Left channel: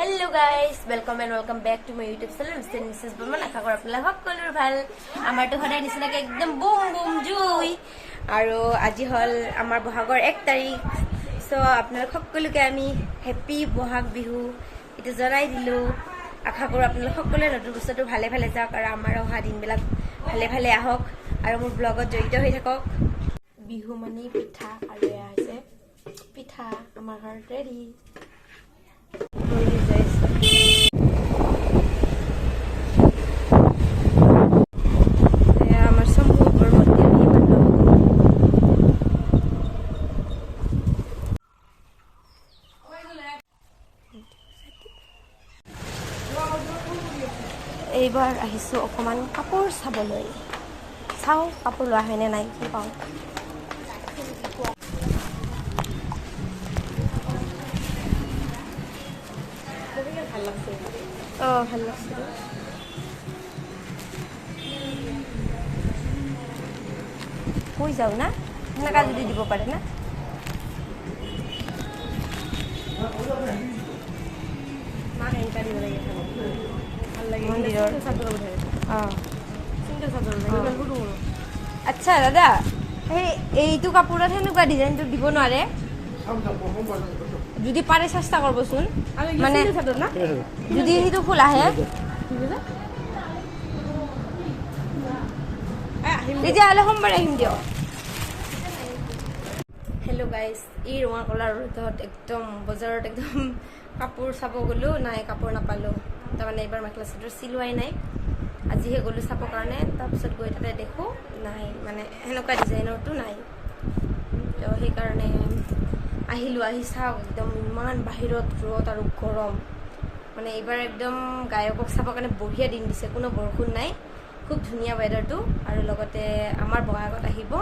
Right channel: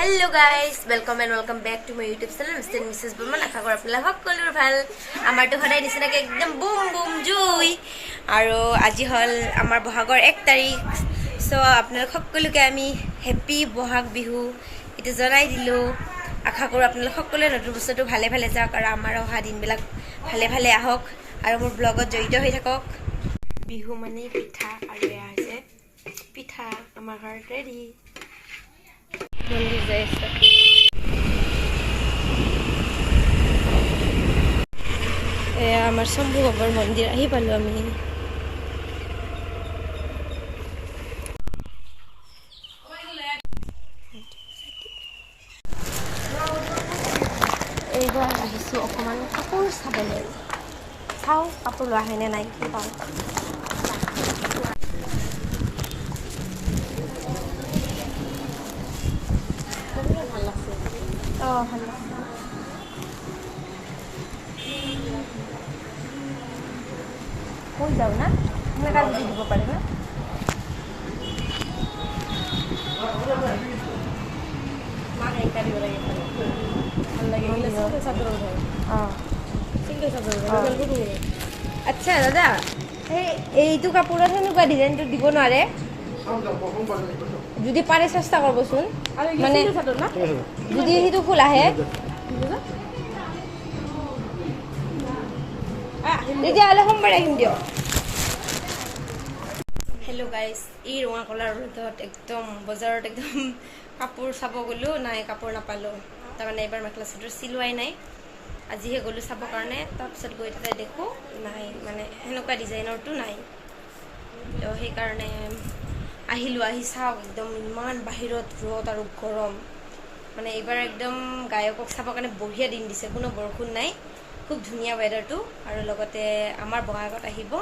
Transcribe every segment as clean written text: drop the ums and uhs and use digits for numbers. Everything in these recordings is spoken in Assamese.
Hello guys, welcome and welcome back to my YouTube channel Mr. and Mrs. Burman. Akha kor apnala hokkolur bhal. Amar to hodai nisina ke ekdom boom boom jui. Aro aji hol amar bohagor 1 tarikh. So apnala hokkoluke ami happy bohag bihu itu janai dilu. Akha kor apnala hokkole notun bostotu bhale bhale jaok aro amar oha din bilak bhale bhale ahok aro mor blogot joito hoi thakok. Bihu mane pitha aro ya hoise pitha amar ghar ready. আমার শম্ভু বাবার মন্দির এই বালু আমি এইবাৰ আহিছো অকমান কাপোৰ চাবলৈ চাও কাপোৰ লোৱা হয়নে নাই কি পাও ভাল লাগছে ভাল লাগছে কই যাও না আপনারা যদি দিব পারে না মানে এটা দিব লাগে ভাল লাগে সিঙ্গেল চাদর ভাই সিঙ্গেল চাদর ভাই আচ্ছা দাদা এইটো কাপোৰত হেনুকা ডিজাইনটো দিব নোৱাৰে যদি পাৰে চেষ্টা কৰবছুন মানে যদি হিটো ফুল আহে তেতিয়াহ'লে সোমবাৰে আহিম দিয়ক হেল্ল' গাইজ এই ৰঙা কলাৰ ৰ'দত একদম বজাৰত একদম কাপোৰ চাব গ'লোঁ নাই কাপোৰ নাপালোঁ তাৰমানে এইবাৰ মেখেলা চাদৰ চিলোৱাই নাই আজিহে গ'লোঁ চাবৰ কাৰণে তাৰপিছত গৈ তাতে দেখোঁ নাই মানে সেনেকুৱা ডিজাইনৰটো নাই তো সেইকাৰণে আহিলোঁ আহি চাওক একদম ইমান বাহিৰত ৰ'দ আৰু গৰম মানে এইবাৰ একদম গায়কক চাবৰ কাৰণে বঢ়িয়া দিন দিছে কোনো বৰষুণ নাই খুব ধুনীয়া ৱেডাৰটো আৰু লগতে আমাৰ বঙাইগাঁৱত আহিব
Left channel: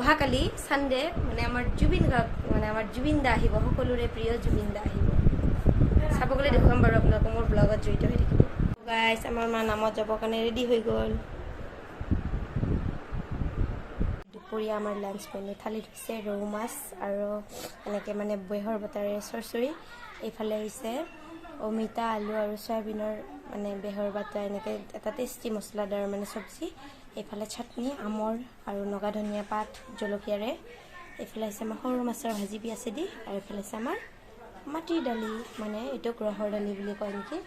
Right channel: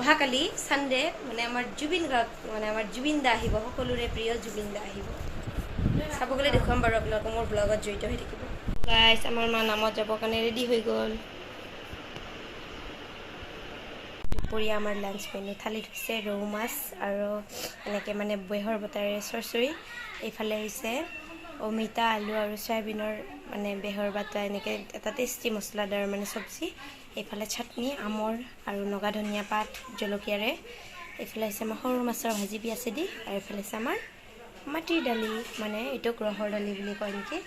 অহাকালি সানডে মানে আমাৰ জুবিন গাৰ্গ মানে আমাৰ জুবিন দা আহিব সকলোৰে প্ৰিয় জুবিন দা আহিব চাব গ'লে দেখুৱাম বাৰু আপোনালোকক মোৰ ব্লগত জড়িত হৈ থাকিব গাইজ আমাৰ মা নামত যাবৰ কাৰণে ৰেডি হৈ গ'ল দুপৰীয়া আমাৰ লাঞ্চ মেনু থালিত হৈছে ৰৌ মাছ আৰু এনেকৈ মানে বেহৰ বটাৰে চৰচৰি এইফালে হৈছে অমিতা আলু আৰু চয়াবিনৰ মানে বেহৰ বাটা এনেকৈ এটা টেষ্টি মছলাদাৰ মানে চব্জি এইফালে চাটনি আমৰ আৰু নগা ধনিয়া পাত জলকীয়াৰে এইফালে হৈছে আমাৰ সৰু মাছৰ ভাজি পিয়াঁচেদি আৰু এইফালে হৈছে আমাৰ মাটিৰ দালি মানে এইটো গ্ৰহৰ দালি বুলি কয় নেকি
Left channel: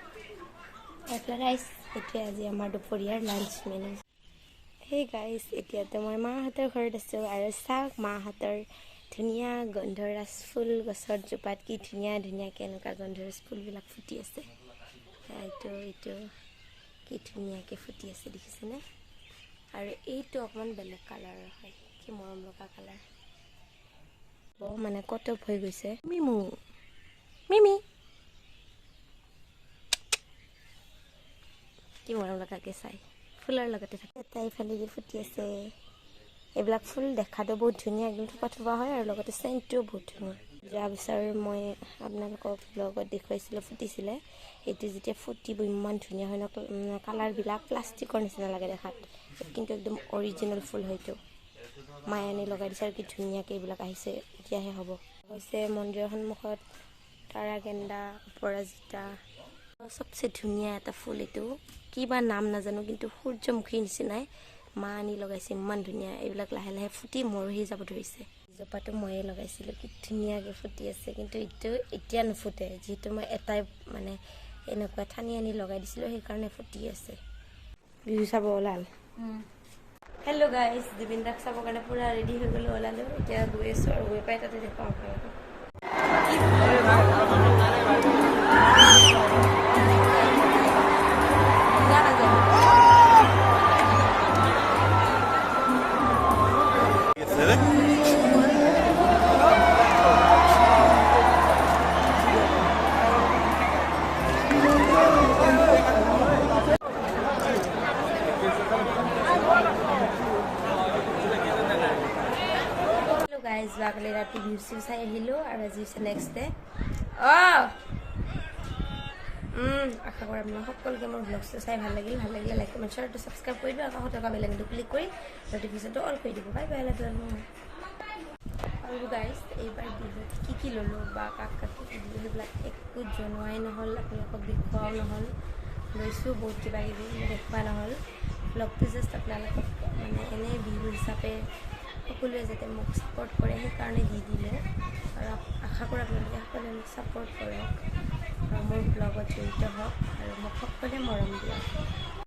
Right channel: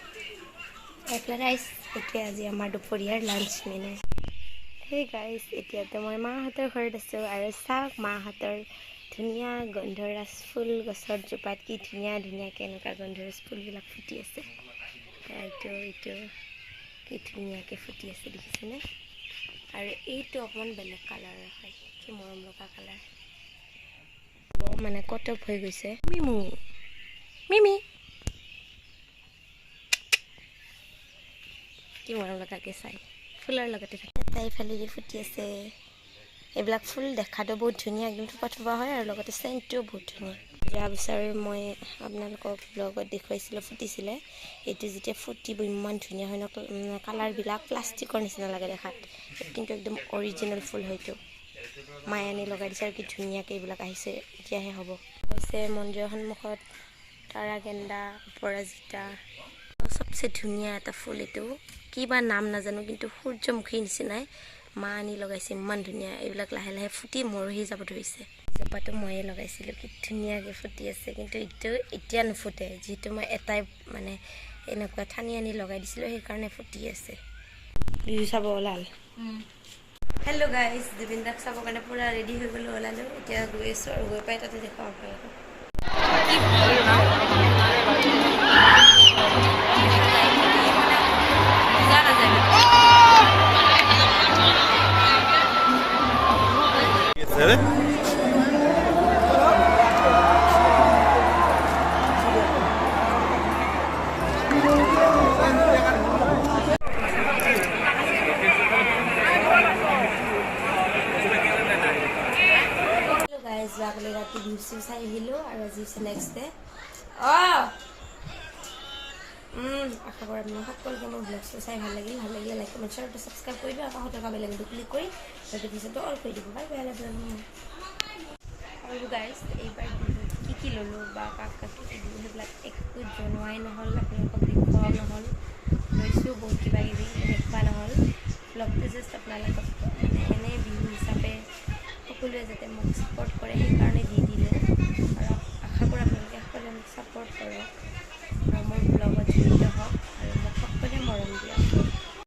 এইফালে ৰাইচ এইটোৱে আজি আমাৰ দুপৰীয়াৰ লাঞ্চ মেনু সেই গাইজ এতিয়াতো মই মাহঁতৰ ঘৰত আছোঁ আৰু চাওক মাহঁতৰ ধুনীয়া গন্ধৰাজ ফুল গছৰ জোপাত কি ধুনীয়া ধুনীয়াকৈ এনেকুৱা গন্ধৰাজ ফুলবিলাক ফুটি আছে এইটো কি ধুনীয়াকৈ ফুটি আছে দেখিছেনে আৰু এইটো অকণমান বেলেগ কালাৰৰ হয় কি মৰম লগা কালাৰ মানে কটক হৈ গৈছে মিমি কি মৰম লগাকৈ চাই ফুলৰ লগতে থাকে তাই ফালেদি ফুটি আছে এইবিলাক ফুল দেখাটো বহুত ধুনীয়া একদম থোপা থোপা হয় আৰু লগতে চেণ্টটোও বহুত ধুনীয়া যোৱা বছৰ মই আপোনালোকক ব্লগত দেখুৱাইছিলোঁ ফুটিছিলে এইটো যেতিয়া ফুটিব ইমান ধুনীয়া হয় ন কালাৰবিলাক প্লাষ্টিকৰ নিচিনা লাগে দেখাত কিন্তু একদম অৰিজিনেল ফুল হয়তো মায়ে আনি লগাই দিছে আৰু কি ধুনীয়াকৈ এইবিলাক আহিছে এতিয়াহে হ'ব হৈছে মন্দিৰৰ সন্মুখত তাৰা গেন্দা অপৰাজিতা চবচে ধুনীয়া এটা ফুল এইটো কিবা নাম নাজানো কিন্তু সূৰ্যমুখীৰ নিচিনাই মা আনি লগাইছে ইমান ধুনীয়া এইবিলাক লাহে লাহে ফুটি মৰহি যাব ধৰিছে জোপাটো ময়ে লগাইছিলোঁ কি ধুনীয়াকৈ ফুটি আছে কিন্তু এইটো এতিয়া নুফুটে যিহেতু মই এটাই মানে এনেকুৱা ঠানি আনি লগাই দিছিলোঁ সেইকাৰণে ফুটি আছে বিহু চাব ওলাল হেল্ল' গাইজ জুবিন দাক চাবৰ কাৰণে পূৰা ৰেডি হৈ গ'লোঁ ওলালোঁ এতিয়া গৈ আছোঁ আৰু গৈ পাই তাতে দেখুৱাম আপোনালোকক কি ভাল ন যোৱাকালি ৰাতি ভিউ চিউ চাই আহিলোঁ আৰু আজি হৈছে নেক্সট ডে আশা কৰোঁ আপোনালোক সকলোকে মোৰ ব্লগটো চাই ভাল লাগিলে লাইক কমেণ্ট শ্বেয়াৰ ছাবস্ক্ৰাইব কৰি দিব আকৌ 100 টকা বেলেগটো ক্লিক কৰি নটিফিকেশ্যনটো অল কৰি দিব বাই বাই আৰু গাইজ এইবাৰ বিহুত কি ল'লোঁ বা কাক কাক কি দিলোঁ সেইবিলাক একো জনোৱাই নহ'ল, আপোনালোকক দেখুৱাও নহ'ল। লৈছোঁ বহুত কিবা কিবি দেখুওৱা নহ'ল। ব্লগটো জাষ্ট আপোনালোকক মানে এনেই বিহু হিচাপে সকলোৱে যাতে মোক ছাপোৰ্ট কৰে সেইকাৰণে দি দিলোঁ। আৰু আশা কৰোঁ আপোনালোকে সকলোৱে মোক ছাপোৰ্ট কৰক আৰু মোৰ ব্লগত জড়িত হওক আৰু মোক সকলোৱে মৰম দিয়ক।